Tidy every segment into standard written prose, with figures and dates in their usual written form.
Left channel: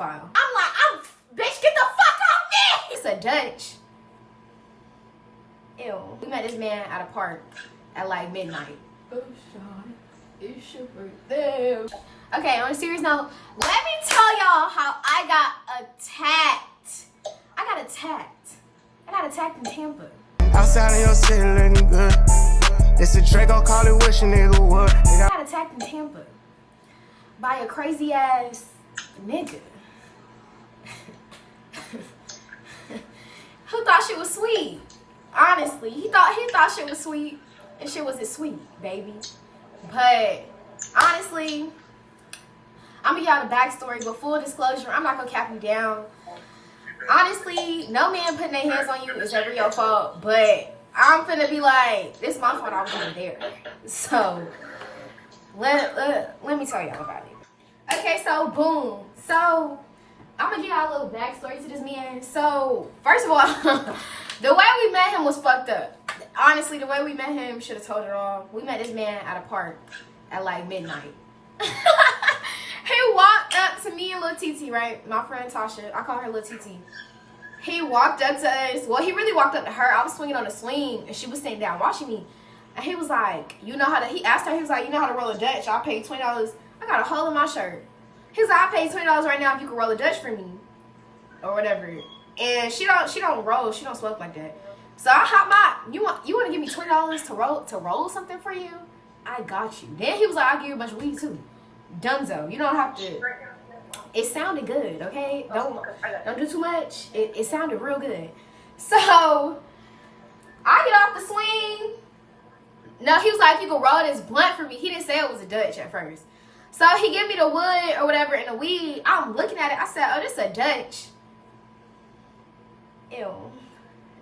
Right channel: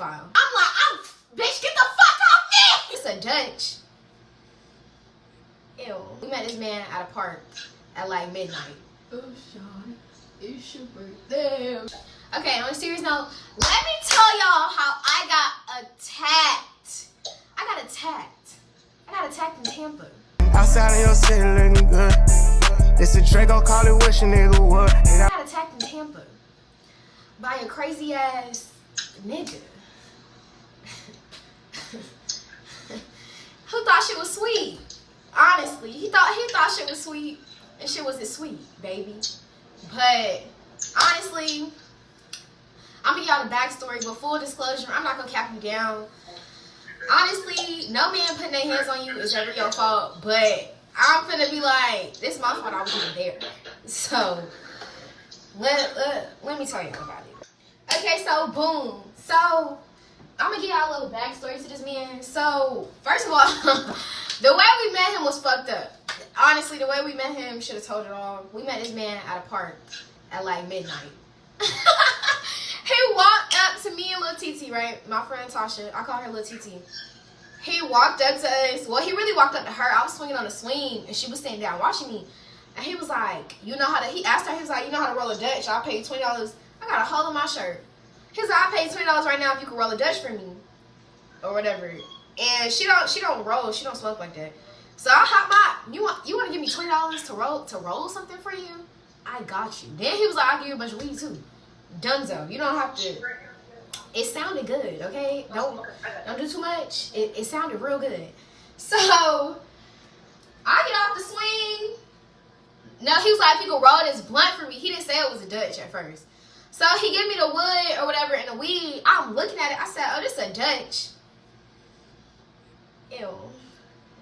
pedophile. I'm like, bitch, get the fuck off me! It's a Dutch. Ew. We met this man at a park at like midnight. Oh, Sean, it's your birthday. Okay, on a serious note, let me tell y'all how I got attacked. I got attacked in Tampa. Outside of your city looking good. It's a Draco, call it wish a nigga would. I got attacked in Tampa by a crazy ass nigga. Who thought shit was sweet. Honestly, he thought shit was sweet, and shit wasn't sweet, baby. But honestly, I'm gonna give y'all the backstory, but full disclosure, I'm not gonna cap you down. Honestly, no man putting their hands on you is ever your fault, but I'm finna be like, this my fault, I was even there. So, let me tell y'all about it. Okay, so boom. So, I'm gonna give y'all a little backstory to this man. So, first of all, the way we met him was fucked up. Honestly, the way we met him should have told it all. We met this man at a park at like midnight. He walked up to me and Lil TT, right? My friend Tasha. I call her Lil TT. He walked up to us. Well, he really walked up to her. I was swinging on a swing, and she was sitting down watching me. And he was like, you know how to, he asked her, he was like, you know how to roll a Dutch? I paid $20. I got a hole in my shirt. He was like, I paid $20 right now if you can roll a Dutch for me. Or whatever. And she don't roll. She don't smoke like that. So I hop my, you want to give me $20 to roll something for you? I got you. Then he was like, I'll give you a bunch of weed too. Dunzo. You don't have to. It sounded good, okay? Don't do too much. It sounded real good. So I get off the swing. No, he was like, if you could roll this blunt for me. He didn't say it was a Dutch at first. So he gave me the wood or whatever and the weed. I'm looking at it. I said, oh, this is a Dutch. Ew.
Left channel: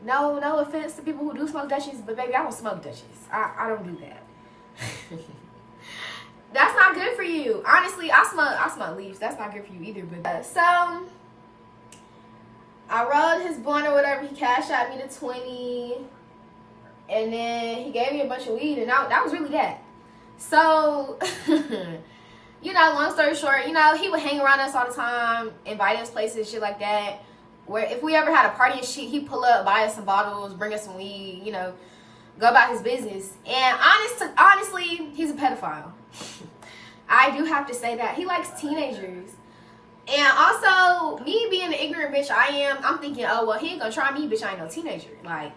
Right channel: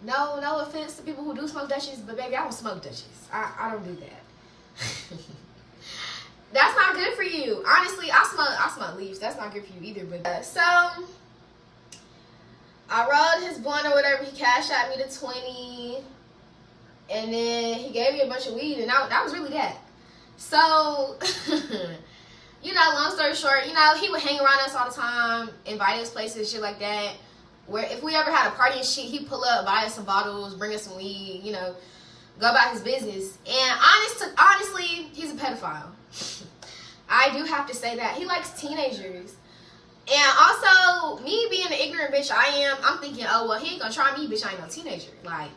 No offense to people who do smoke Dutchies, but baby, I don't smoke Dutchies. I don't do that. That's not good for you. Honestly, I smoke leaves. That's not good for you either. But so I rolled his blunt or whatever. He cashed out me the 20, and then he gave me a bunch of weed, and that was really that. So, you know, long story short, you know, he would hang around us all the time, invite us places, shit like that. Where if we ever had a party and shit, he'd pull up, buy us some bottles, bring us some weed, you know, go about his business. And honestly, he's a pedophile. I do have to say that. He likes teenagers. And also, me being the ignorant bitch I am, I'm thinking, oh, well, he ain't gonna try me, bitch, I ain't no teenager. Like,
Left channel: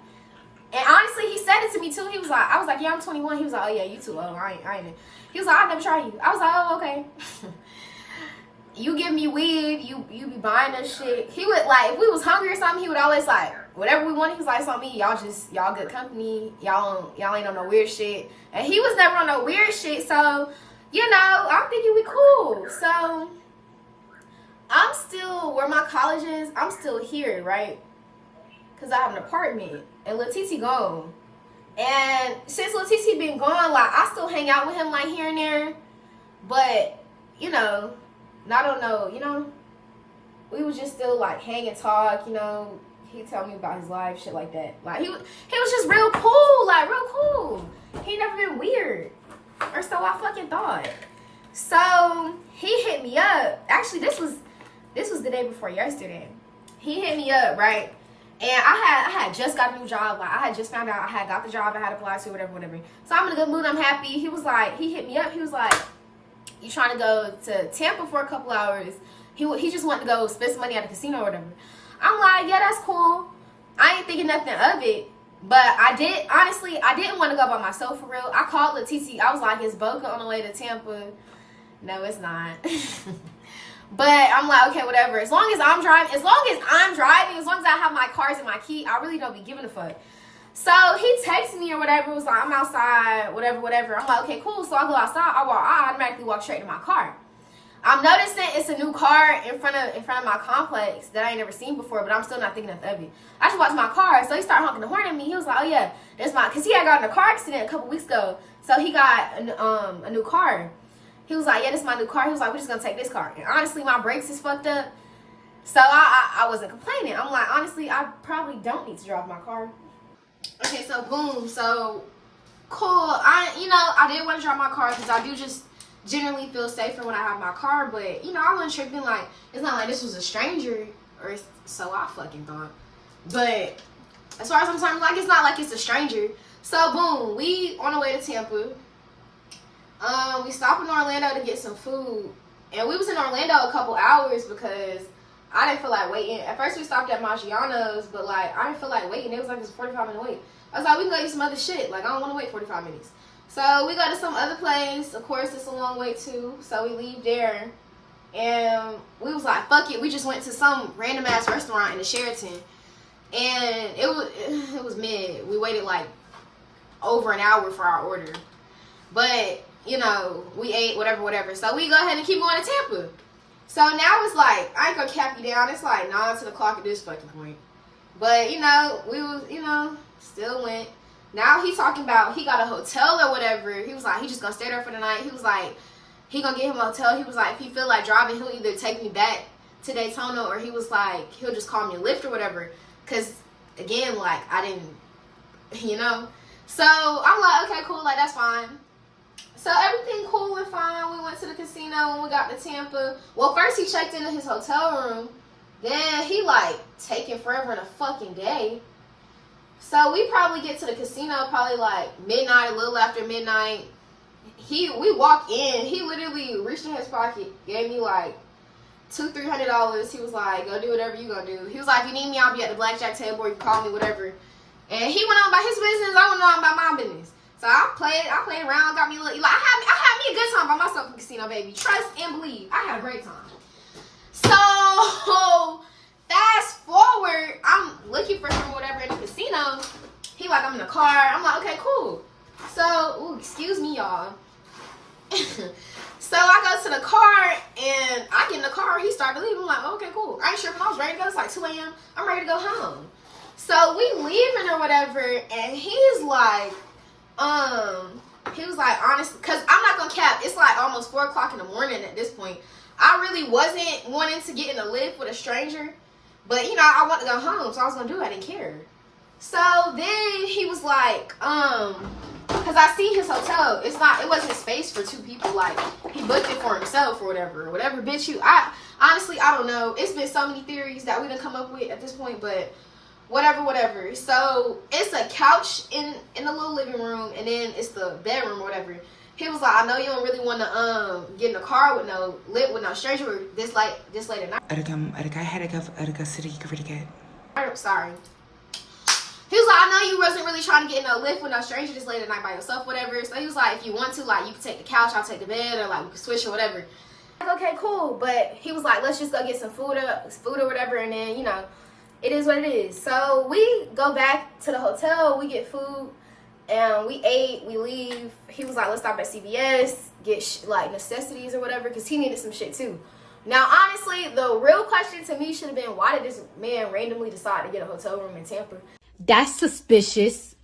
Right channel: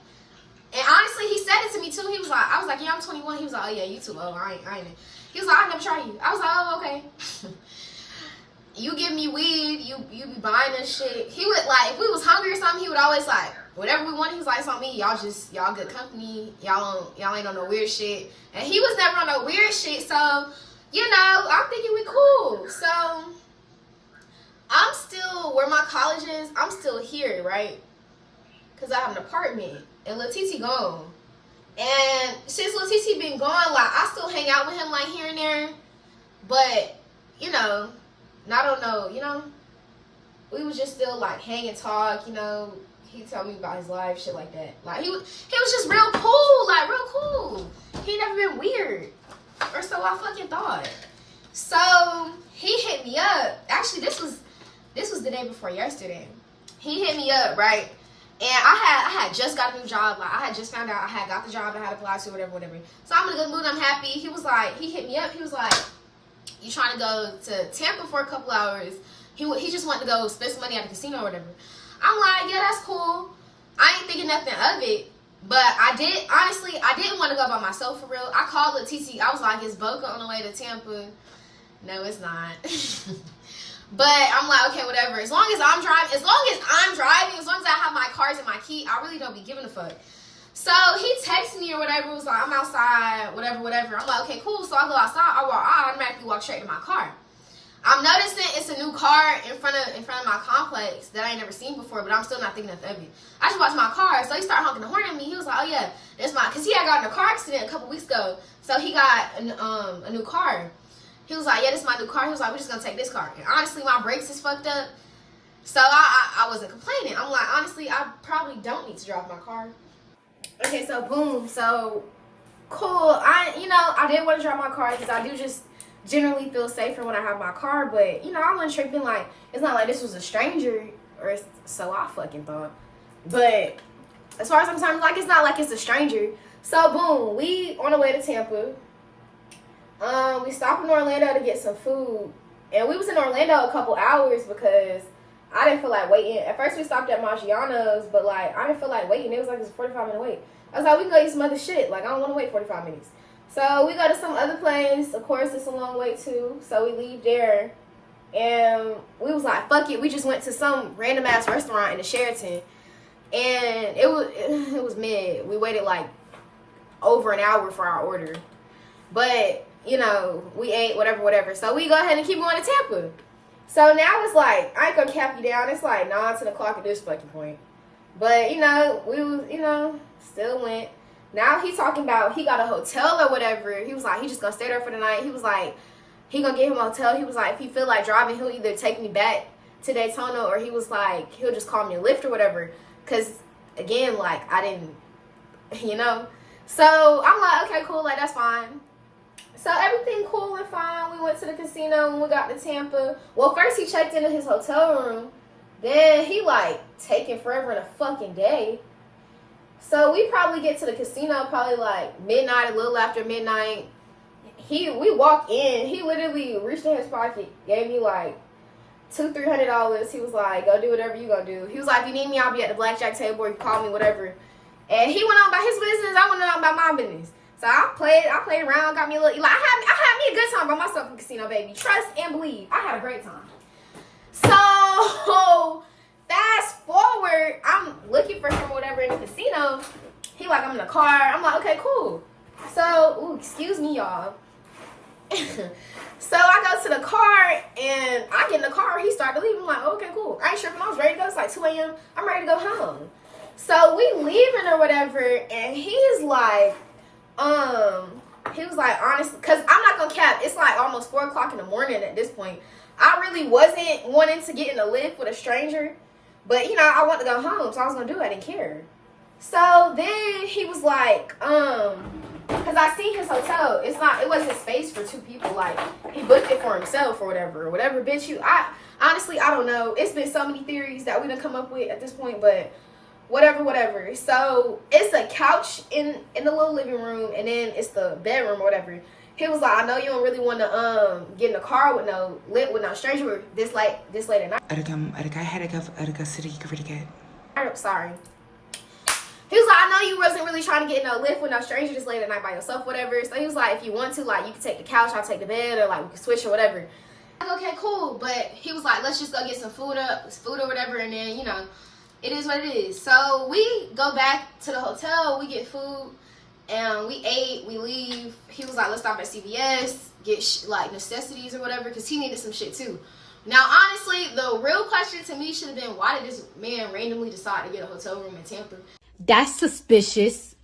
and honestly, he said it to me too. He was like, I was like, yeah, I'm 21. He was like, oh yeah, you too old. I ain't. He was like, I'll never try you. I was like, oh, okay. You give me weed, you be buying us shit. He would, like, if we was hungry or something, he would always, like, whatever we wanted, he was like, it's on me. Y'all good company. Y'all ain't on no weird shit. And he was never on no weird shit, so, you know, I'm thinking we cool. So, I'm still, where my college is, I'm still here, right? Because I have an apartment. And Lil TT gone. And since Lil TT been gone, like, I still hang out with him, like, here and there. But, you know, I don't know, you know, we was just still like hang and talk, you know. He tell me about his life, shit like that. Like he was just real cool, like real cool. He never been weird, or so I fucking thought. So he hit me up. Actually, this was the day before yesterday. He hit me up, right? And I had just got a new job. Like I had just found out I had got the job I had applied to, whatever. So I'm in a good mood. I'm happy. He was like, he hit me up. He was like, you trying to go to Tampa for a couple hours? He just wanted to go spend some money at the casino or whatever. I'm like, yeah, that's cool. I ain't thinking nothing of it. But I didn't want to go by myself for real. I called the TT. I was like, is Boca on the way to Tampa? No, it's not. But I'm like, okay, whatever. As long as I'm driving, as long as I have my cars and my key, I really don't be giving a fuck. So he texted me or whatever, was like, I'm outside, whatever. I'm like, okay, cool. So I go outside, I automatically walk straight to my car. I'm noticing it's a new car in front of my complex that I ain't never seen before, but I'm still not thinking nothing of it. I just watched my car, so he started honking the horn at me. He was like, oh yeah, that's cause he had gotten a car accident a couple weeks ago. So he got a new car. He was like, yeah, this is my new car. He was like, we're just gonna take this car. And honestly, my brakes is fucked up. So I wasn't complaining. I'm like, honestly, I probably don't need to drive my car. Okay, so boom, so cool. I didn't want to drive my car because I generally feel safer when I have my car, but you know, I wasn't tripping. Like, it's not like this was a stranger, or so I fucking thought. But as far as I'm concerned, like, it's not like it's a stranger. So boom, we on the way to Tampa. We stopped in Orlando to get some food, and we was in Orlando a couple hours because I didn't feel like waiting. At first we stopped at Maggiano's, but like I didn't feel like waiting. It was like it's a 45-minute wait. I was like, we can go eat some other shit. Like, I don't want to wait 45 minutes. So we go to some other place. Of course, it's a long way too. So we leave there, and we was like, fuck it. We just went to some random ass restaurant in the Sheraton, and it was mid. We waited like over an hour for our order, but you know, we ate whatever. So we go ahead and keep going to Tampa. So now it's like, I ain't gonna cap you down. It's like 9 to the clock at this fucking point. But, you know, we was, you know, still went. Now he talking about he got a hotel or whatever. He was like, he just gonna stay there for the night. He was like, he gonna get him a hotel. He was like, if he feel like driving, he'll either take me back to Daytona, or he was like, he'll just call me a Lyft or whatever. Because, again, like, I didn't, you know. So I'm like, okay, cool, like, that's fine. So everything cool and fine. We went to the casino when we got to Tampa. Well, first he checked into his hotel room. Then he like taking forever in a fucking day. So we probably get to the casino probably like midnight, a little after midnight. We walk in. He literally reached in his pocket, gave me like $200-$300. He was like, go do whatever you gonna do. He was like, if you need me, I'll be at the blackjack table, or you call me, whatever. And he went on about his business. I went on about my business. So I played around, got me a little, like, I had me a good time by myself in the casino, baby. Trust and believe. I had a great time. So, fast forward, I'm looking for him or whatever in the casino. He like, I'm in the car. I'm like, okay, cool. So, ooh, excuse me, y'all. So I go to the car, and I get in the car, he started to leave. I'm like, okay, cool. I ain't sure if I was ready to go. It's like 2 a.m. I'm ready to go home. So we leaving or whatever, and he's like, he was like, honestly, because I'm not gonna cap, it's like almost 4 o'clock in the morning at this point. I really wasn't wanting to get in a Lyft with a stranger, but you know, I wanted to go home, so I was gonna do it. I didn't care. So then he was like, because I see his hotel, it wasn't space for 2 people. Like, he booked it for himself or whatever, bitch. Honestly, I don't know. It's been so many theories that we done come up with at this point, but whatever. So it's a couch in the little living room, and then it's the bedroom or whatever. He was like, I know you don't really want to get in the car with no stranger this late at night. Sorry. He was like, I know you wasn't really trying to get in no Lyft with no stranger this late at night by yourself, whatever. So he was like, if you want to, like, you can take the couch, I'll take the bed, or like we can switch or whatever. Like, okay, cool. But he was like, let's just go get some food or whatever, and then, you know, it is what it is. So we go back to the hotel, we get food, and we ate, we leave. He was like, let's stop at CVS, get like necessities or whatever, because he needed some shit too. Now, honestly, the real question to me should have been, why did this man randomly decide to get a hotel room in Tampa? That's suspicious.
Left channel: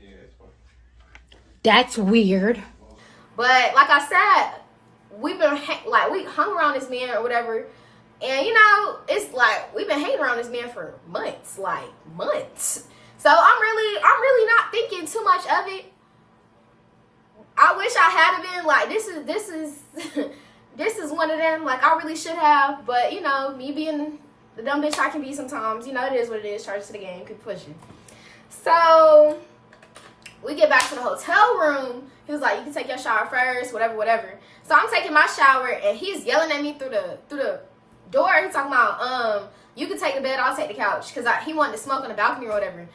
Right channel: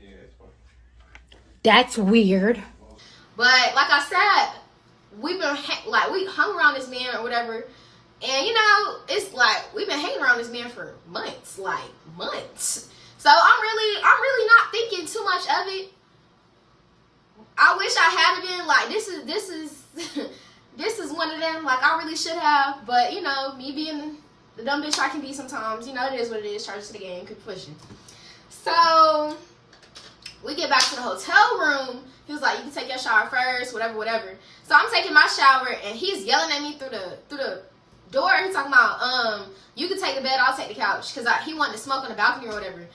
Yeah, that's fine. That's weird. But like I said, we hung around this man or whatever. And, you know, it's like, we've been hanging around this man for months. So I'm really not thinking too much of it. I wish I had been like, this is one of them. Like, I really should have. But, you know, me being the dumb bitch I can be sometimes, you know, it is what it is. Charge to the game, keep pushing. So we get back to the hotel room. He was like, you can take your shower first, whatever. So I'm taking my shower, and he's yelling at me through the door. He's talking about, you can take the bed, I'll take the couch, because he wanted to smoke on the balcony or whatever.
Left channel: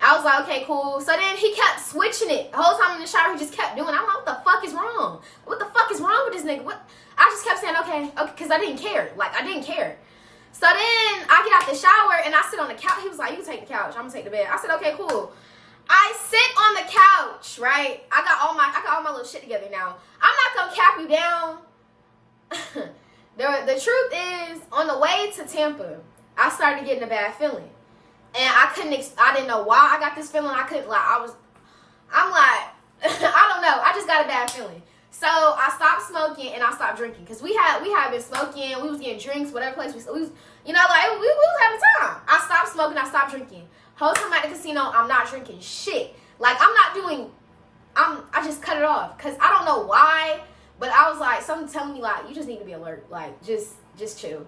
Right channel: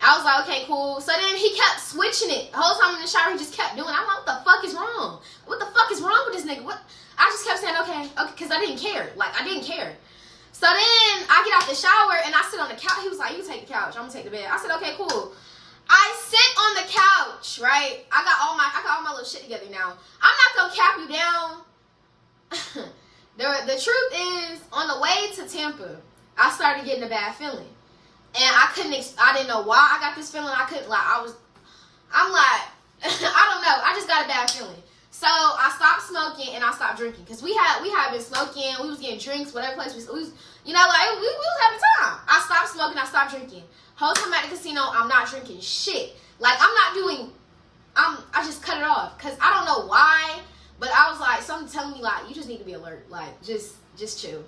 I was like, okay, cool. So then he kept switching it. The whole time in the shower, he just kept doing it. I'm like, what the fuck is wrong? What the fuck is wrong with this nigga? What? I just kept saying, okay, because I didn't care. Like, I didn't care. So then I get out the shower, and I sit on the couch. He was like, you can take the couch, I'm going to take the bed. I said, okay, cool. I sit on the couch, right? I got all my little shit together now. I'm not going to cap you down. The truth is, on the way to Tampa, I started getting a bad feeling. And I didn't know why I got this feeling. I'm like, I don't know. I just got a bad feeling. So I stopped smoking and I stopped drinking. Because we had been smoking, we was getting drinks, whatever place we was, you know, like, we was having time. I stopped smoking, I stopped drinking. Whole time at the casino, I'm not drinking shit. Like, I'm not doing I just cut it off because I don't know why, but I was like, something telling me like, you just need to be alert, like just chill.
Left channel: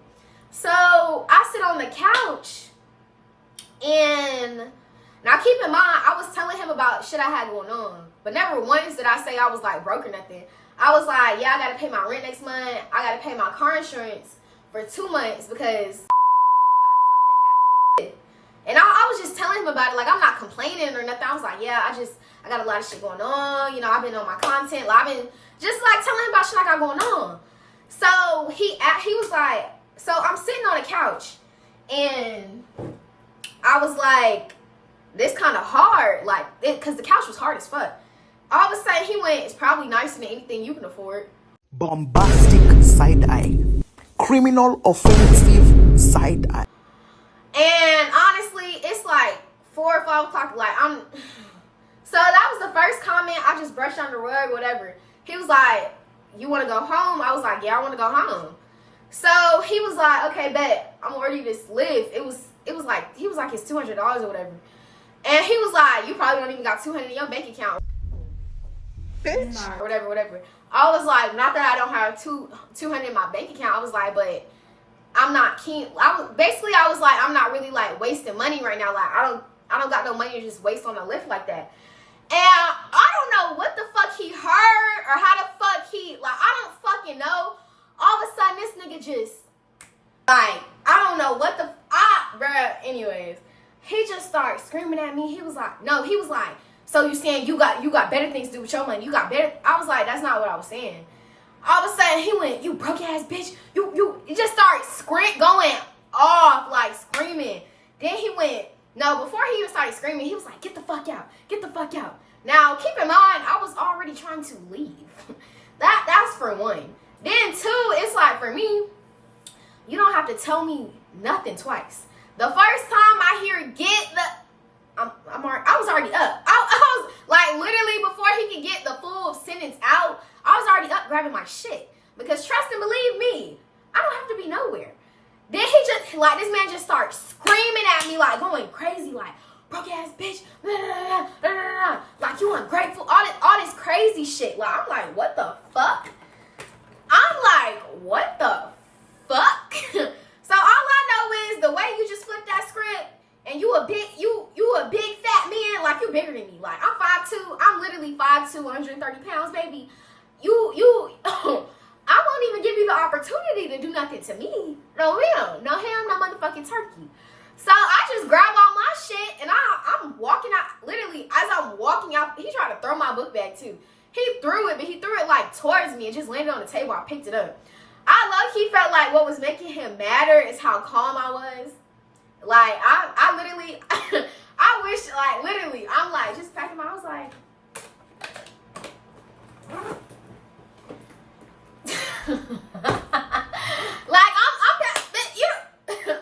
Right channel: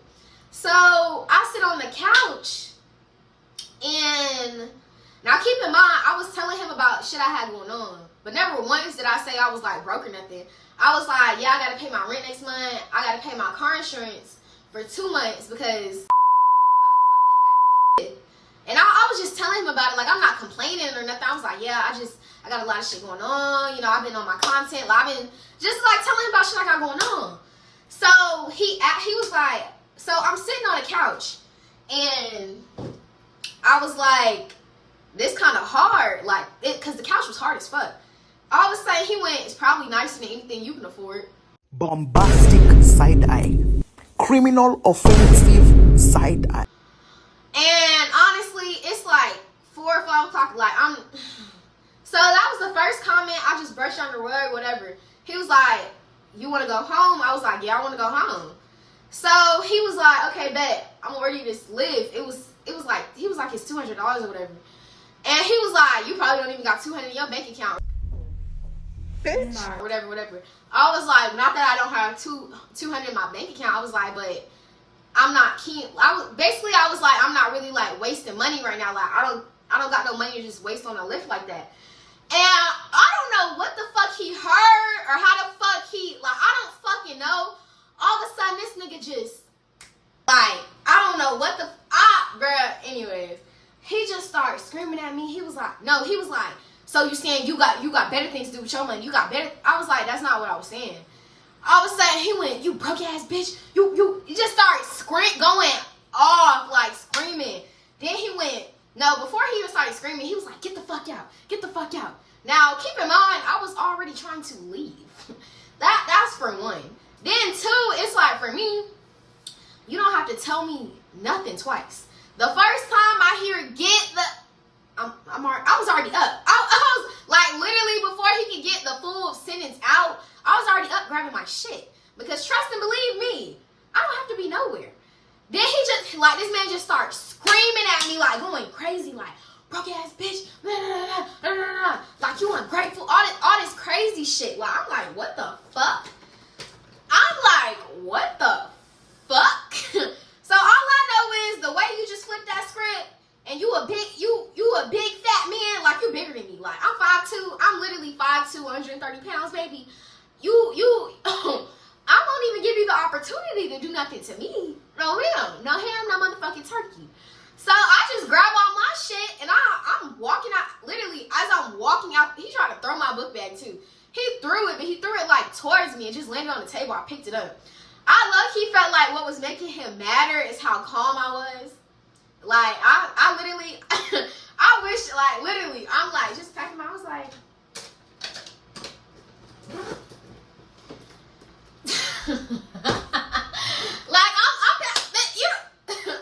So I sit on the couch, and now keep in mind, I was telling him about shit I had going on, but never once did I say I was like broke or nothing. I was like, yeah, I gotta pay my rent next month. I gotta pay my car insurance for 2 months because and I was just telling him about it. Like, I'm not complaining or nothing. I was like, yeah, I got a lot of shit going on. You know, I've been on my content. Like, I've been just like telling him about shit I got going on. So he was like, so I'm sitting on a couch, and I was like, this kind of hard, like, because the couch was hard as fuck. All of a sudden, he went, it's probably nicer than anything you can afford. Bombastic side eye. Criminal offensive side eye. And honestly, it's like 4 or 5 o'clock. Like, so that was the first comment. I just brushed under the rug, whatever. He was like, you want to go home? I was like, yeah, I want to go home. So he was like, okay, bet. I'm gonna order you this Lyft. It was like, he was like, it's $200 or whatever. And he was like, you probably don't even got 200 in your bank account. Bitch. Or whatever. I was like, not that I don't have 200 in my bank account. I was like, but I'm not keen. I was like, I'm not really like wasting money right now. Like, I don't got no money to just waste on a Lyft like that. And I don't know what the fuck he heard or how the fuck I don't fucking know. All of a sudden, this nigga just, like, I don't know what the, bruh, anyways. He just started screaming at me. He was like, so you saying you got better things to do with your money? You got better? I was like, that's not what I was saying. All of a sudden, he went, you broke ass bitch. He just started going off, like, screaming. Then he went, no, before he even started screaming, he was like, get the fuck out. Get the fuck out. Now, keep in mind, I was already trying to leave. That's for one. Then two, it's like, for me, you don't have to tell me nothing twice. The first time I hear get the, I was already up. I was like, literally before he could get the full sentence out, I was already up grabbing my shit. Because trust and believe me, I don't have to be nowhere. Then he just, like, this man just starts screaming at me, like, going crazy, like, broke ass bitch, blah, blah, blah, blah, blah, like, you ungrateful, all this crazy shit. Like, I'm like, what the fuck? I'm like, what the fuck? So all I know is the way you just flipped that script, and you a big fat man, like, you bigger than me. Like, I'm 5'2", I'm literally 5'2", 130 pounds, baby. I won't even give you the opportunity to do nothing to me. No ham, no motherfucking turkey. So I just grab all my shit, and I'm walking out. Literally, as I'm walking out, he tried to throw my book bag too. He threw it, but he threw it like towards me and just landed on the table. I picked it up. I low-key felt like what was making him madder is how calm I was. Like, I literally, I wish, like, literally, I'm like, just packing I was like, like,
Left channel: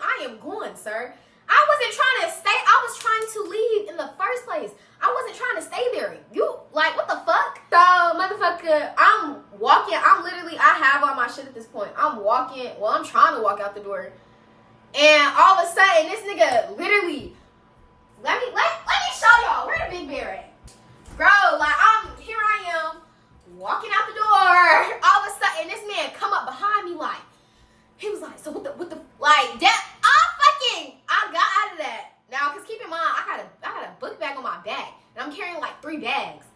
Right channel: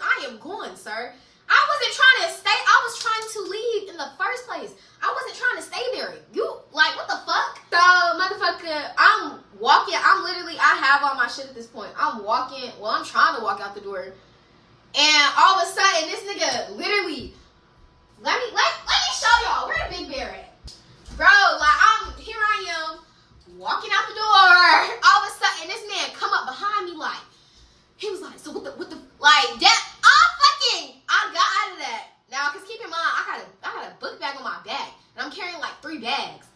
I am going, sir. I wasn't trying to stay. I was trying to leave in the first place. I wasn't trying to stay there. You, like, what the fuck? So, motherfucker, I'm walking. I have all my shit at this point. I'm walking. Well, I'm trying to walk out the door. And all of a sudden, this nigga literally, let me show y'all. Where the big bear at? Bro, like, here I am, walking out the door. All of a sudden, this man come up behind me like, he was like, so what the, like, that, I got out of that. Now, because keep in mind, I got a book bag on my back, and I'm carrying like 3 bags.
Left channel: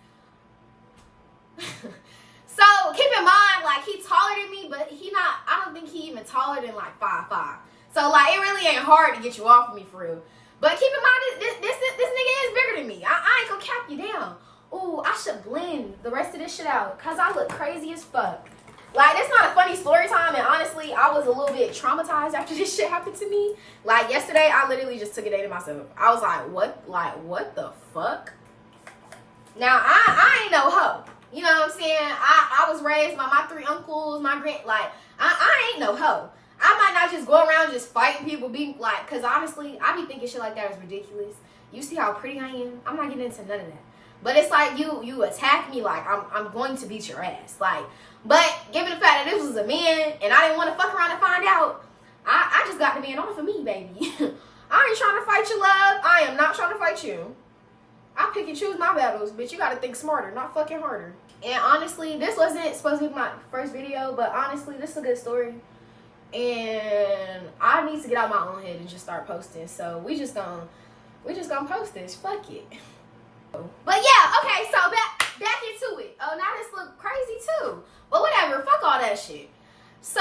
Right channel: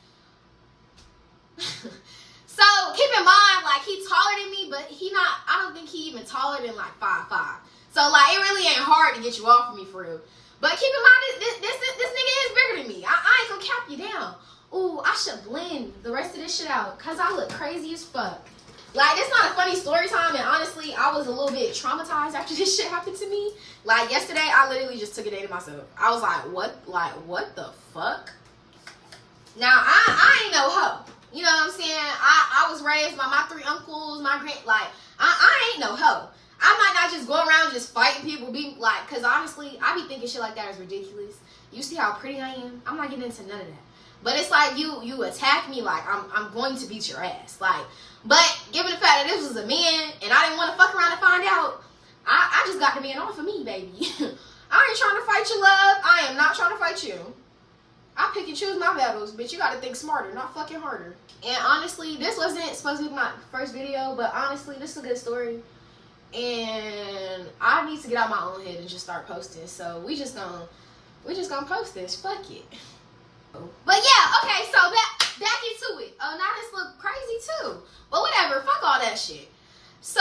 So, keep in mind, like, he taller than me, but I don't think he even taller than like 5'5". So, like, it really ain't hard to get you off of me for real. But keep in mind, this nigga is bigger than me. I ain't gonna cap you down. Ooh, I should blend the rest of this shit out, because I look crazy as fuck. Like, it's not a funny story time, and honestly, I was a little bit traumatized after this shit happened to me. Like, yesterday, I literally just took a day to myself. I was like, what the fuck? Now, I ain't no hoe. You know what I'm saying? I was raised by my 3 uncles, my I ain't no hoe. I might not just go around just fighting people, being like, because honestly, I be thinking shit like that is ridiculous. You see how pretty I am? I'm not getting into none of that. But it's like, you attack me, like, I'm going to beat your ass. Like, but given the fact that this was a man, and I didn't want to fuck around and find out, I just got the man off of me, baby. I ain't trying to fight you, love. I am not trying to fight you. I pick and choose my battles, bitch. You gotta think smarter, not fucking harder. And honestly, this wasn't supposed to be my first video, but honestly, this is a good story. And I need to get out my own head and just start posting. So we just gonna post this. Fuck it. But yeah, okay, so back into it. Oh, now this look crazy too. But whatever, fuck all that shit. So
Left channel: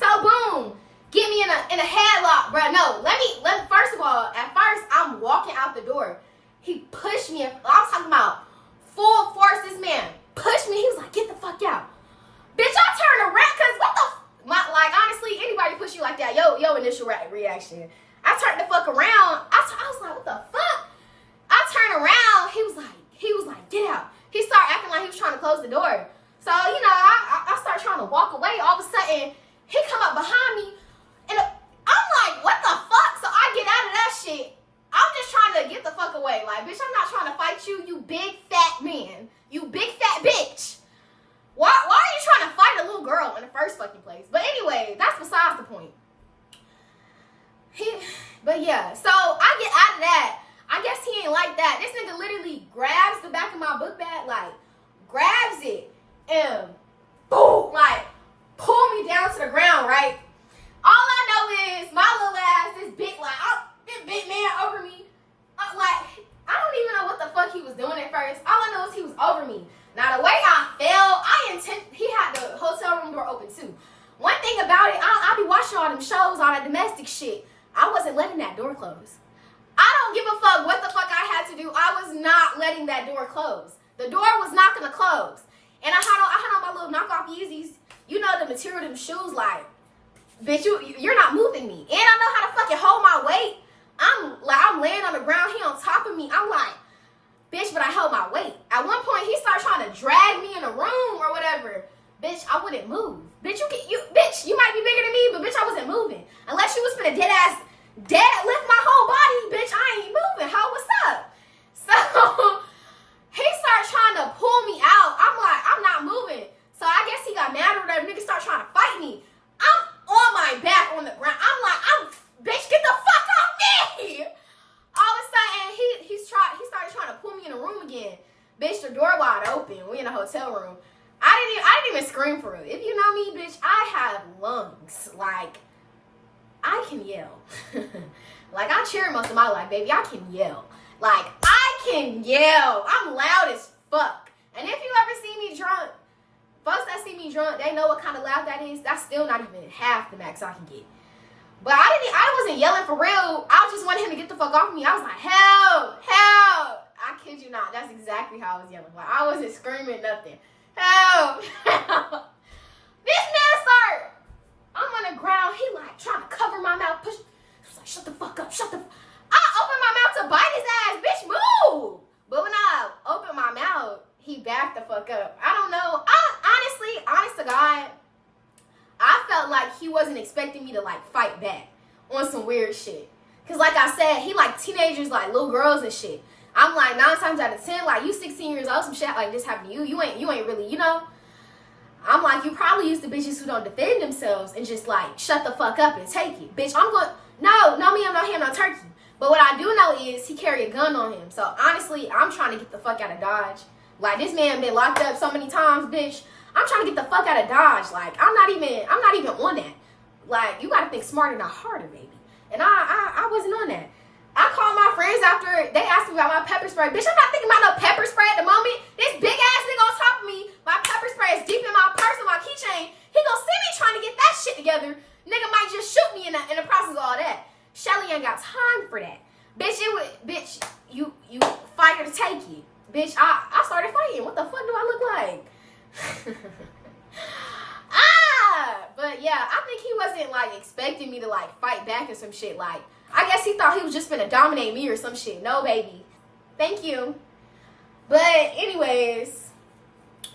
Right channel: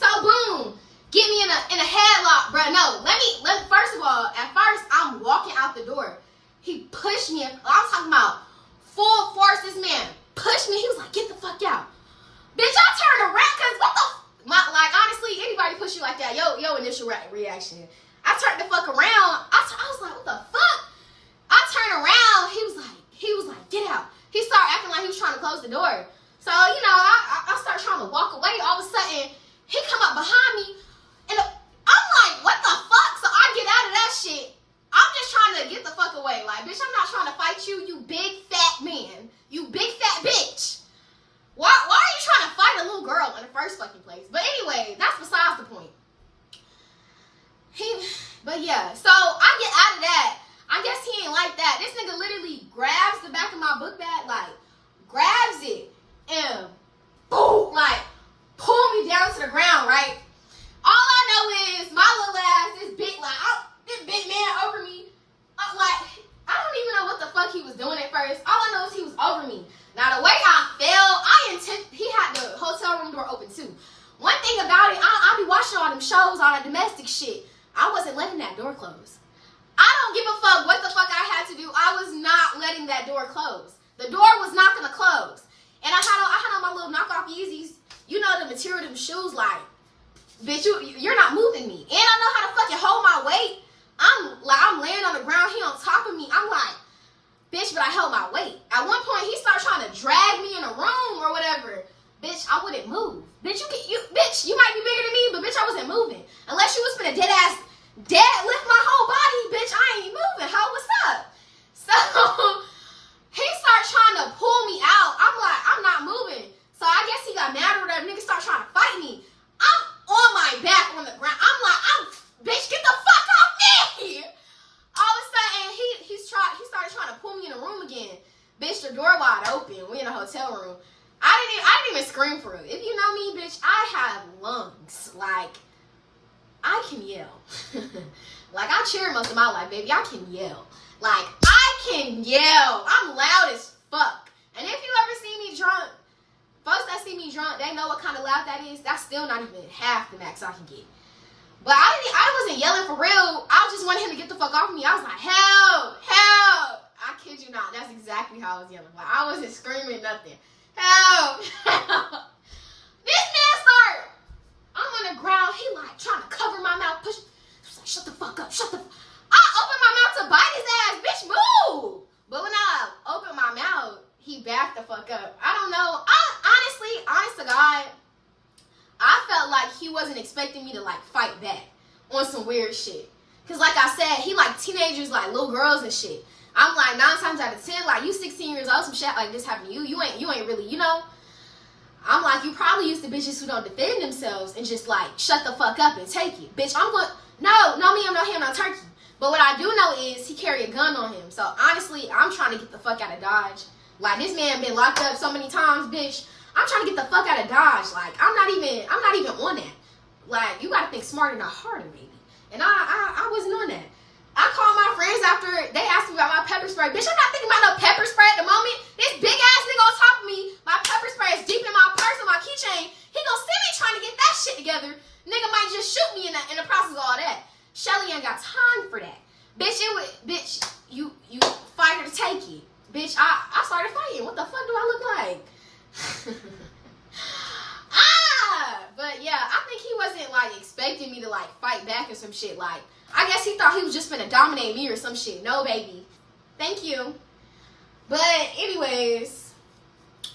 boom, get me in a headlock, bro. No, let me first of all, at first I'm walking out the door. He pushed me. I was talking about full force. This man pushed me. He was like, "Get the fuck out." Bitch, I turned around because what the like honestly, anybody push you like that, yo initial reaction. I turned the fuck around. I was like, what the fuck? I turned around. He was like, get out. He started acting like he was trying to close the door. So, you know, I started trying to walk away. All of a sudden, he come up behind me. And I'm like, what the fuck? So I get out of that shit. I'm just trying to get the fuck away. Like, bitch, I'm not trying to fight you, you big fat man. You big fat bitch. Why are you trying to fight a little girl in the first fucking place? But anyway, that's besides the point. But yeah, so I get out of that. I guess he ain't like that. This nigga literally grabs the back of my book bag, like, grabs it, and boom, like, pull me down to the ground, right? All I know is my little ass, this big man over me, like, I don't even know what the fuck he was doing at first. All I know is he was over me. Now, the way I fell, he had the hotel room door open, too. One thing about it, I be watching all them shows, all that domestic shit. I wasn't letting that door close. I don't give a fuck what the fuck I had to do. I was not letting that door close. The door was not gonna close. And I had on my little knockoff Yeezys. You know the material of them shoes, like, bitch, you're not moving me. And I know how to fucking hold my weight. I'm laying on the ground, he on top of me. I'm like, bitch, but I held my weight. At one point, he started trying to drag me in a room or whatever. Bitch, I wouldn't move. Bitch, bitch, you might be bigger than me, but bitch, I wasn't moving. Unless you was finna dead lift my whole body, bitch, I ain't moving. How, what's up? So, he started trying to pull me out. I'm like, I'm not moving. So I guess he got mad or whatever. Nigga started trying to fight me. I'm on my back on the ground. I'm like, bitch, get the fuck off me. All of a sudden, he started trying to pull me in the room again. Bitch, the door wide open. We in a hotel room. I didn't even scream for it. If you know me, bitch, I have lungs. Like, I can yell. Like, I cheer most of my life, baby. I can yell. Like, I can yell. I'm loud as fuck. And if you ever see me drunk, folks that see me drunk, they know what kind of loud that is. That's still not even half the max I can get. But I wasn't yelling for real. I just wanted him to get the fuck off me. I was like, help, help. I kid you not. That's exactly how I was yelling. Like, I wasn't screaming nothing. Help, help. This man started. I'm on the ground. He like trying to cover my mouth. Push. He's like, shut the fuck up. Shut the. I opened my mouth to bite his ass. Bitch, move. But when I opened my mouth, he backed the fuck up. I don't know. Honest to God, I felt like he wasn't expecting me to like fight back on some weird shit. Cause like I said, he like teenagers, like little girls and shit. I'm like 9 times out of 10, like you 16 years old, some shit like this happened to you. You ain't really, you know. I'm like, you probably used to bitches who don't defend themselves and just like shut the fuck up and take it. Bitch, I'm going, no me, I'm not him, no turkey. But what I do know is he carried a gun on him. So honestly, I'm trying to get the fuck out of Dodge. Like this man been locked up so many times, bitch. I'm trying to get the fuck out of Dodge. Like I'm not even on that. Like you gotta think smarter, not harder, baby. And I wasn't on that. I called my friends after they asked me about my pepper spray. Bitch, I'm not thinking about no pepper spray at the moment. This big ass nigga on top of me, my pepper spray is deep in my purse and my keychain. He gonna see me trying to get that shit together. Nigga might just shoot me in the process of all that. Shelly ain't got time for that. Bitch, you fight her to take it. Bitch, I started fighting. What the fuck do I look like? But yeah, I think he wasn't like expecting me to like fight back or some shit. Like, I guess he thought he was just gonna dominate me or some shit. No, baby. Thank you. But anyways,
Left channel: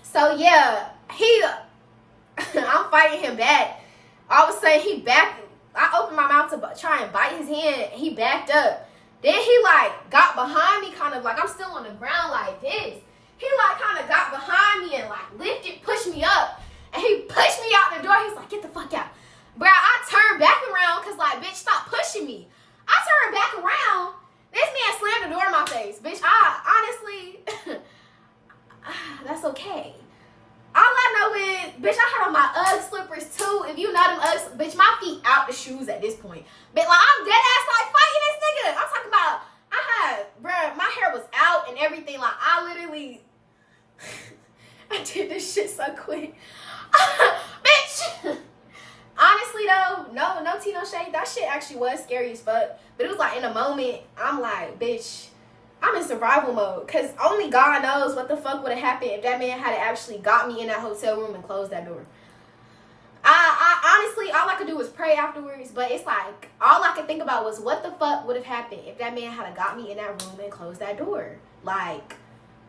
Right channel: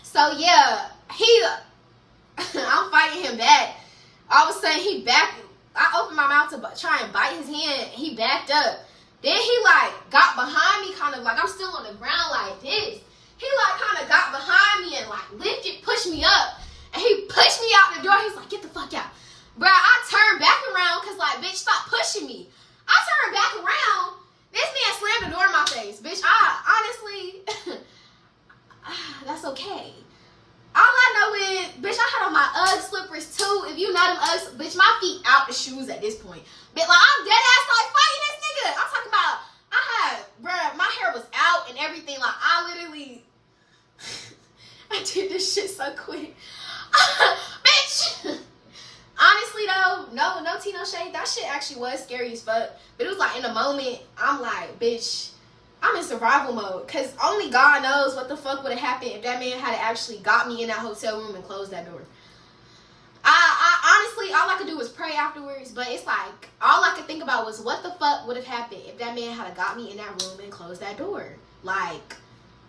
so yeah, I'm fighting him back. All of a sudden he backed. I opened my mouth to try and bite his hand. He backed up. Then he like got behind me, kind of like I'm still on the ground like this. He like kind of got behind me and like lifted, pushed me up. And he pushed me out the door. He was like, get the fuck out. Bro, I turned back around because like, bitch, stop pushing me. I turned back around. This That's okay. All I know is, bitch, I had on my Ugg slippers too. If you know them Uggs, bitch, my feet out the shoes at this point. But like, I'm dead ass like fighting this nigga. I'm talking about, bruh, my hair was out and everything. Like, I literally, I did this shit so quick. Bitch. Honestly though, no tea, no shade. That shit actually was scary as fuck. But it was like in a moment, I'm like, bitch, I'm in survival mode. Cause only God knows what the fuck would have happened if that man had actually got me in that hotel room and closed that door. I honestly, all I could do was pray afterwards. But it's like, all I could think about was what the fuck would have happened if that man had got me in that room and closed that door. Like,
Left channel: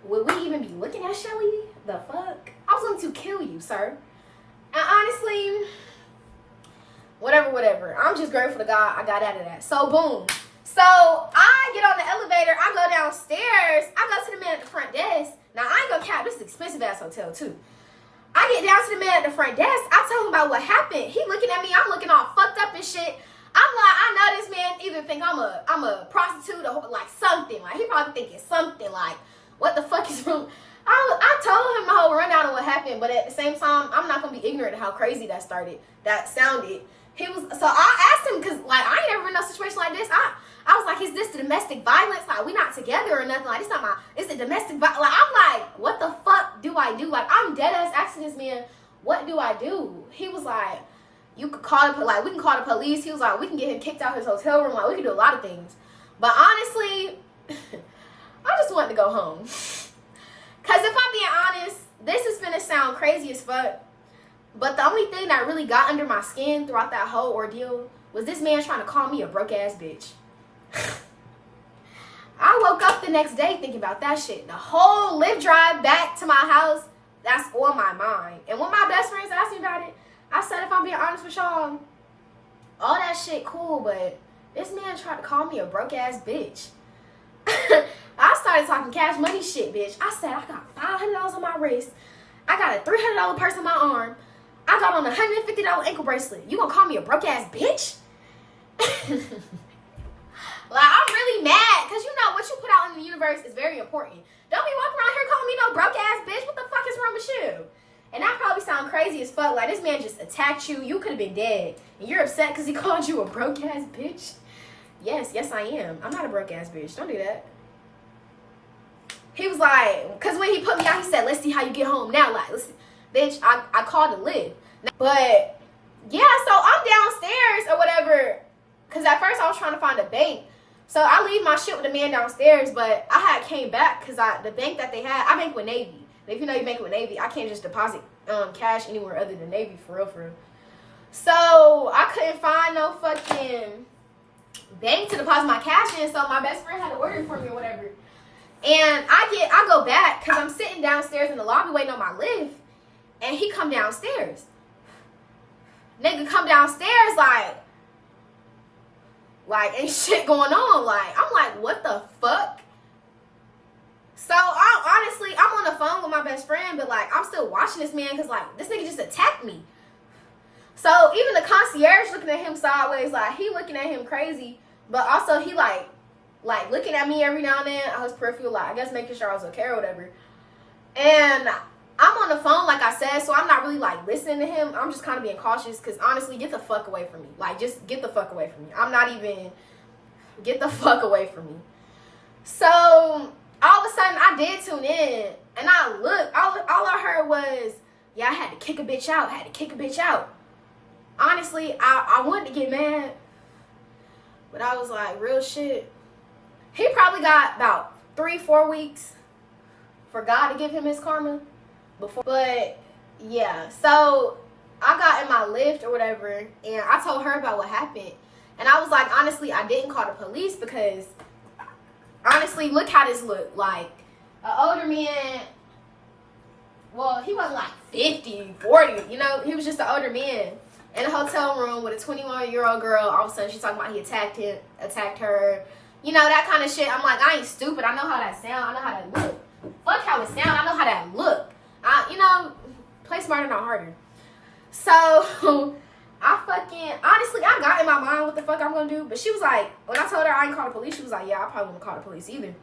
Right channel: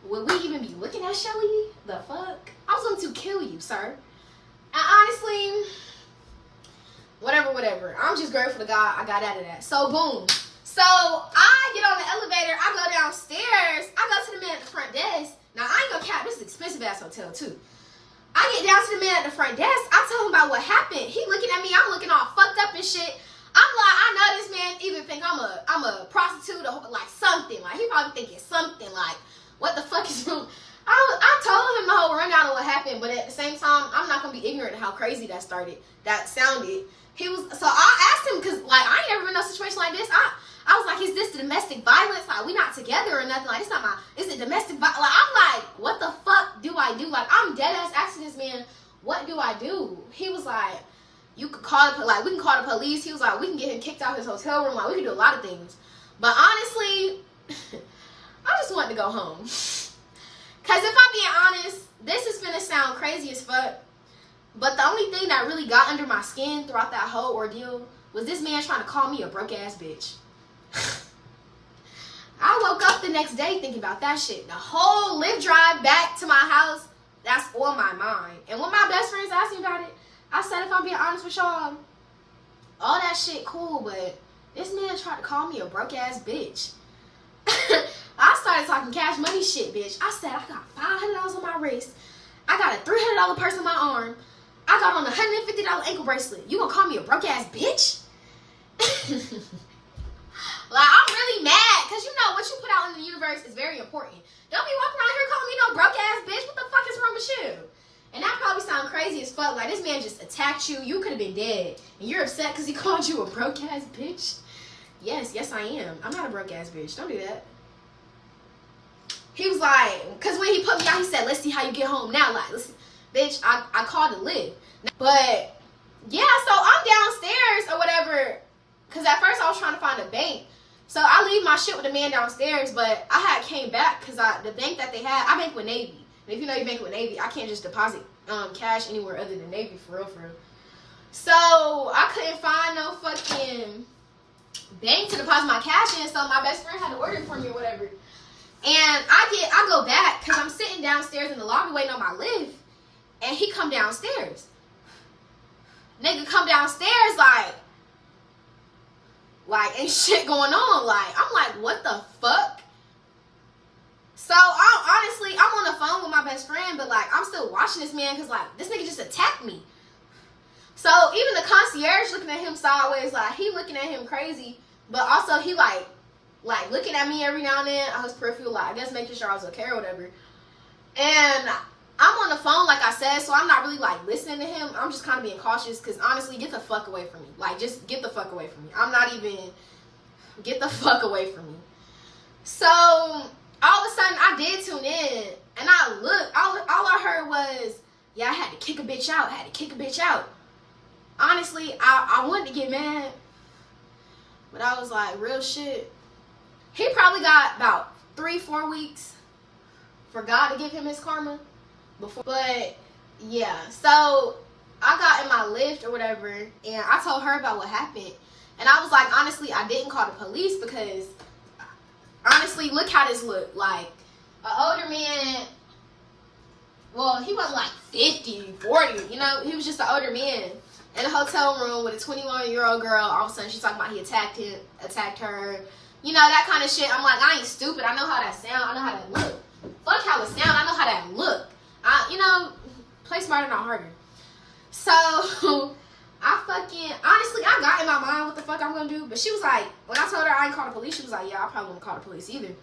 would we even be looking at Shelly? The fuck? I was going to kill you, sir. And honestly, whatever. I'm just grateful to God I got out of that. So, boom. So, I get on the elevator. I go downstairs. I go to the man at the front desk. Now, I ain't gonna cap. This is an expensive-ass hotel, too. I get down to the man at the front desk. I tell him about what happened. He looking at me. I'm looking all fucked up and shit. I'm like, I know this man either think I'm a prostitute or like something. Like, he probably thinking something like, what the fuck is wrong? I told him the whole rundown of what happened, but at the same time, I'm not gonna be ignorant of how crazy that sounded. So I asked him, cause like I ain't never been in a situation like this. I was like, is this domestic violence? Like, we not together or nothing. Like, is it domestic violence? Like, I'm like, what the fuck do I do? Like, I'm dead ass asking this man, what do I do? He was like, you could call the, like, we can call the police. He was like, we can get him kicked out his hotel room. Like, we can do a lot of things. But honestly, I just wanted to go home. Cause if I'm being honest, this is gonna sound crazy as fuck. But the only thing that really got under my skin throughout that whole ordeal was this man trying to call me a broke ass bitch. I woke up the next day thinking about that shit. The whole lift drive back to my house, that's on my mind. And when my best friends asked me about it, I said, if I'm being honest with y'all, all that shit cool, but this man tried to call me a broke ass bitch. I started talking cash money shit, bitch. I said, I got $500 on my wrist. I got a $300 purse on my arm. I got on a $150 ankle bracelet. You gonna call me a broke ass bitch? Like, I'm really mad, because you know what you put out in the universe is very important. Don't be walking around here calling me no broke ass bitch. What the fuck is wrong with you? And that probably sound crazy as fuck. Like, this man just attacked you. You could have been dead. And you're upset because he called you a broke ass bitch? Yes, I am. I'm not a broke ass bitch. Don't do that. He was like, because when he put me out, he said, let's see how you get home now. Like, listen, bitch, I called to live. But, yeah, so I'm downstairs or whatever. Because at first I was trying to find a bank. So I leave my shit with the man downstairs. But I had came back because the bank that they had, I bank with Navy. And if you know you bank with Navy, I can't just deposit cash anywhere other than Navy, for real. So I couldn't find no fucking bank to deposit my cash in. So my best friend had to order it for me or whatever. And I go back because I'm sitting downstairs in the lobby waiting on my lift. And he come downstairs. Nigga come downstairs like ain't shit going on. Like, I'm like, what the fuck? So, honestly, I'm on the phone with my best friend, but like, I'm still watching this man because like, this nigga just attacked me. So, even the concierge looking at him sideways, like, he looking at him crazy. But also, he like looking at me every now and then. I was peripheral, like, I guess making sure I was okay or whatever. And I'm on the phone, like I said, so I'm not really like listening to him. I'm just kind of being cautious because honestly, get the fuck away from me. Like, just get the fuck away from me. I'm not even, get the fuck away from me. So, all of a sudden, I did tune in and I looked. All I heard was, yeah, I had to kick a bitch out. Honestly, I wanted to get mad, but I was like, real shit. He probably got about 3-4 weeks for God to give him his karma before. But yeah, so I got in my Lyft or whatever and I told her about what happened. And I was like, honestly, I didn't call the police because honestly, look how this looked. Like, an older man, well, he wasn't like 50, 40, you know, he was just an older man in a hotel room with a 21-year-old girl. All of a sudden, she's talking about he attacked her, you know, that kind of shit. I'm like, I ain't stupid. I know how that sound. I know how that look. Fuck how it sound. I know how that look. You know, play smarter, not harder. So, honestly, I got in my mind what the fuck I'm gonna do. But she was like, when I told her I ain't call the police, she was like, yeah, I probably won't call the police either.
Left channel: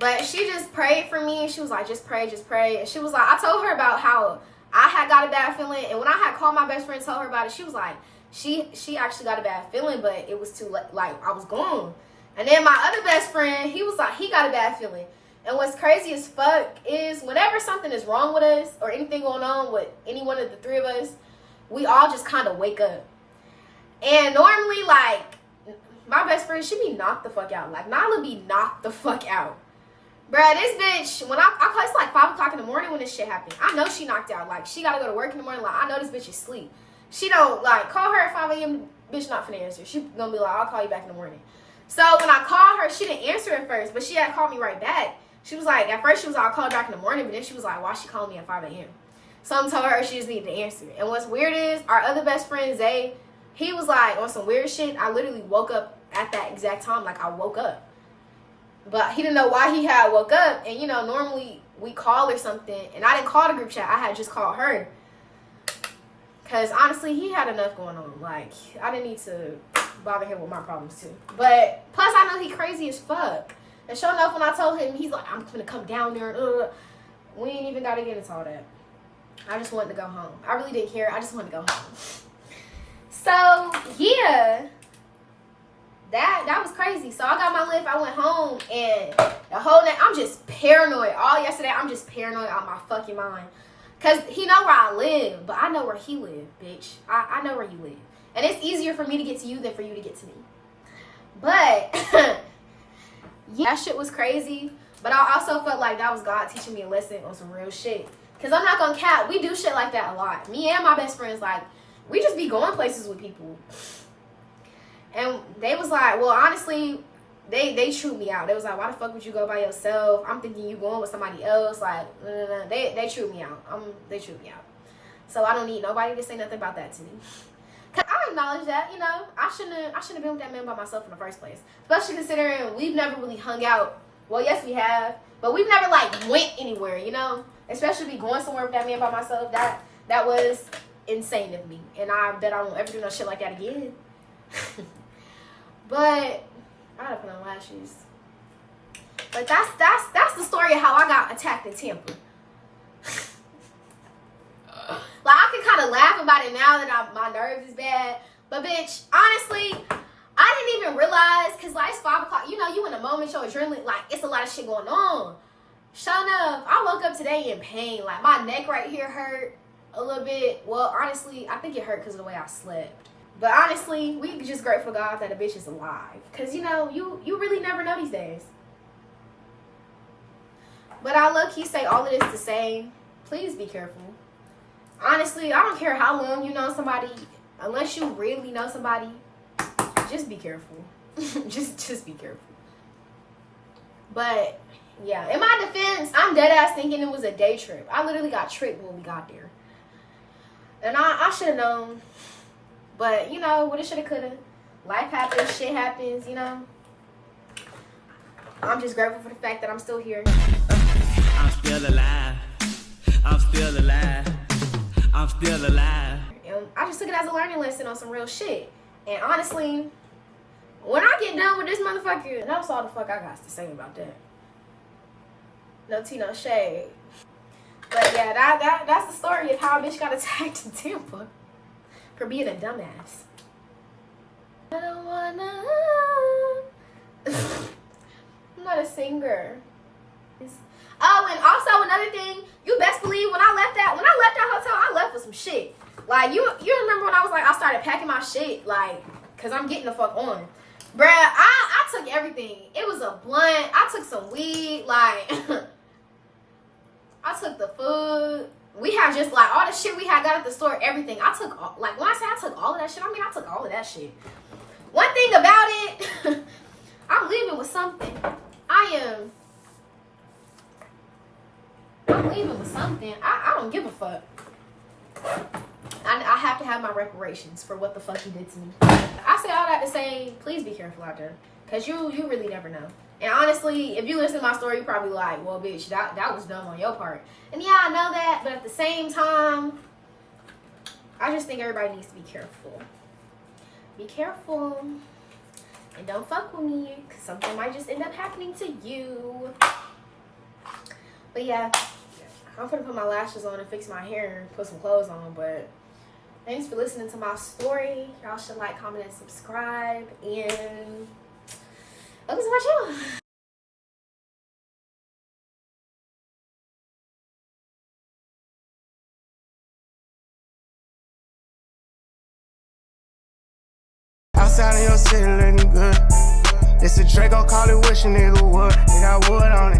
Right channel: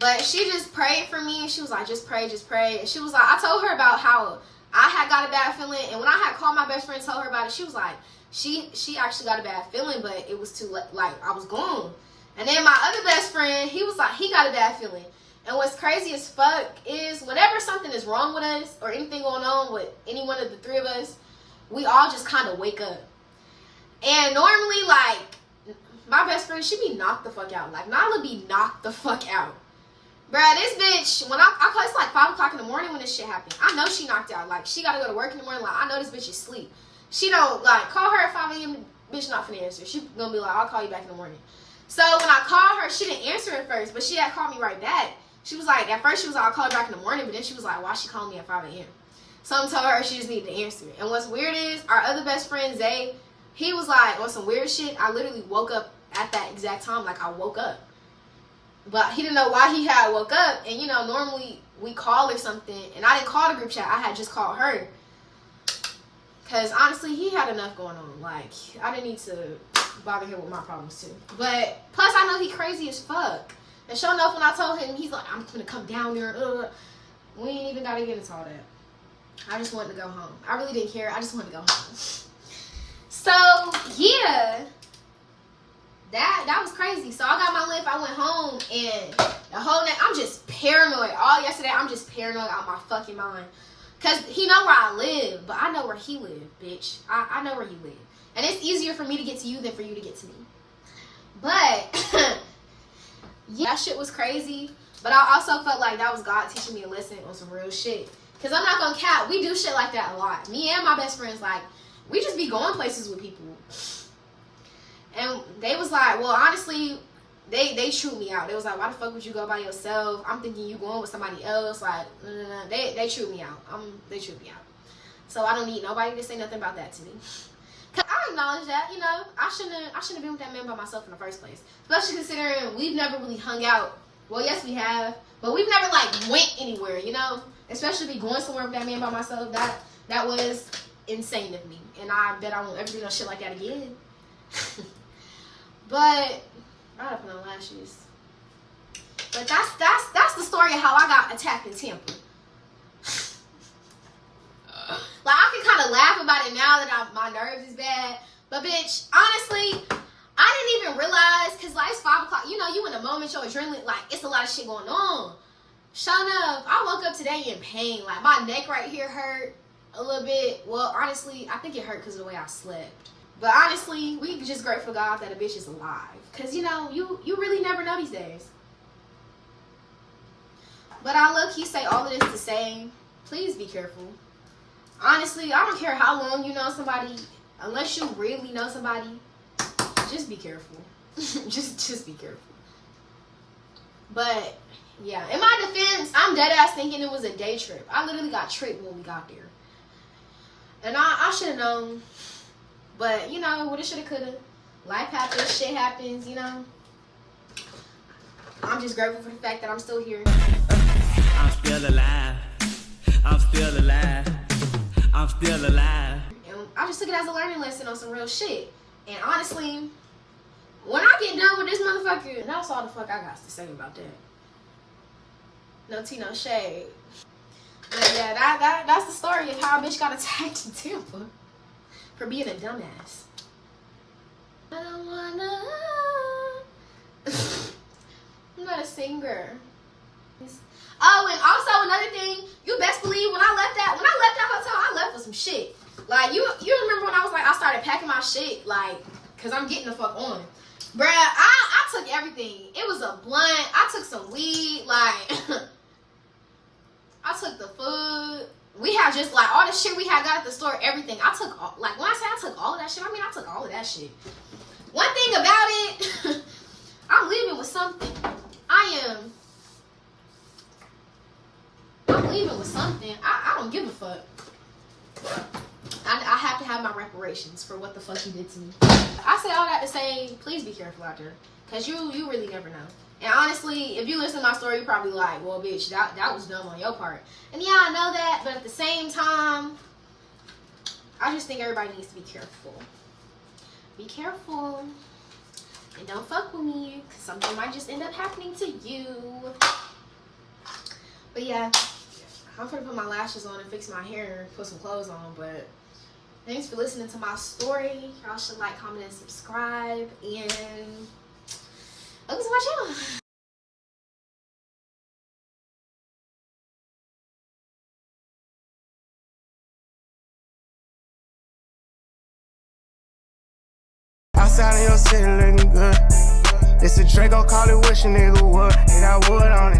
But she just prayed for me. She was like, just pray, just pray. And she was like, I told her about how I had got a bad feeling. And when I had called my best friend and told her about it, she was like, she actually got a bad feeling, but it was too late. Like, I was gone. And then my other best friend, he was like, he got a bad feeling. And what's crazy as fuck is whenever something is wrong with us or anything going on with any one of the three of us, we all just kind of wake up. And normally, like, my best friend, she be knocked the fuck out. Like, Nyla be knocked the fuck out. Bruh, this bitch, when I call, it's like 5 o'clock in the morning when this shit happened. I know she knocked out. Like, she gotta go to work in the morning. Like, I know this bitch is asleep. She don't, like, call her at 5 a.m. Bitch not finna answer. She gonna be like, I'll call you back in the morning. So, when I called her, she didn't answer at first. But she had called me right back. She was like, at first she was like, I'll call her back in the morning. But then she was like, why she calling me at 5 a.m.? So, I told her she just needed to answer. And what's weird is, our other best friend, Zay, he was like, on some weird shit. I literally woke up at that exact time. Like, I woke up. But he didn't know why he had woke up. And, you know, normally we call or something. And I didn't call the group chat. I had just called her. Because, honestly, he had enough going on. Like, I didn't need to bother him with my problems, too. But, plus, I know he crazy as fuck. And sure enough, when I told him, he's like, I'm going to come down there. We ain't even got to get into all that. I just wanted to go home. I really didn't care. I just wanted to go home. So, yeah. That was crazy. So I got my lift. I went home and the whole night I'm just paranoid. All yesterday I'm just paranoid out my fucking mind. Cause he know where I live, but I know where he live, bitch. I know where you live. And it's easier for me to get to you than for you to get to me. But yeah, that shit was crazy. But I also felt like that was God teaching me a lesson on some real shit. Cause I'm not gonna cap, we do shit like that a lot. Me and my best friends, like, we just be going places with people. And they was like, well, honestly, they chewed me out. They was like, why the fuck would you go by yourself? I'm thinking you going with somebody else. Like, they chewed me out. They chewed me out. So I don't need nobody to say nothing about that to me. Cause I acknowledge that, you know, I shouldn't have been with that man by myself in the first place. Especially considering we've never really hung out. Well, yes, we have, but we've never like went anywhere, you know. Especially be going somewhere with that man by myself. That was insane of me, and I bet I won't ever do no shit like that again. But I gotta put on lashes. But that's the story of how I got attacked in Tampa. Like, I can kind of laugh about it now that my nerves is bad. But bitch, honestly, I didn't even realize, cause like it's 5 o'clock. You know, you in the moment, your adrenaline, like it's a lot of shit going on. Sure enough, I woke up today in pain. Like my neck right here hurt a little bit. Well, honestly, I think it hurt because of the way I slept. But honestly, we just grateful God that a bitch is alive. Because, you know, you really never know these days. But I low-key say all of this to say, please be careful. Honestly, I don't care how long you know somebody. Unless you really know somebody, just be careful. just be careful. But, yeah. In my defense, I'm dead-ass thinking it was a day trip. I literally got tricked when we got there. And I should have known. But, you know, woulda, shoulda, coulda. Life happens, shit happens, you know. I'm just grateful for the fact that I'm still here. I'm still alive. I'm still alive. I'm still alive. And I just took it as a learning lesson on some real shit. And honestly, when I get done with this motherfucker, that's all the fuck I got to say about that. No tea, no shade. But yeah, that's the story of how a bitch got attacked in Tampa. For being a dumbass. I don't wanna. I'm not a singer. Oh, and also another thing, you best believe when I left that hotel, I left with some shit. Like you remember when I was like, I started packing my shit, like, cause I'm getting the fuck on. Bruh, I took everything. It was a blunt. I took some weed, like I took the food. We had just like all the shit we had got at the store, everything. I took all, like when I say I took all of that shit, I mean I took all of that shit. One thing about it, I'm leaving with something. I'm leaving with something. I don't give a fuck. I have to have my reparations for what the fuck you did to me. I say all that to say, please be careful out there. Cause you really never know. And honestly, if you listen to my story, you're probably like, well, bitch, that was dumb on your part. And yeah, I know that, but at the same time, I just think everybody needs to be careful. Be careful. And don't fuck with me, because something might just end up happening to you. But yeah, I'm gonna put my lashes on and fix my hair and put some clothes on. But thanks for listening to my story. Y'all should like, comment, and subscribe. And welcome to my channel. Outside of your city looking good. This a Draco, call it wish a nigga would. They got wood on it.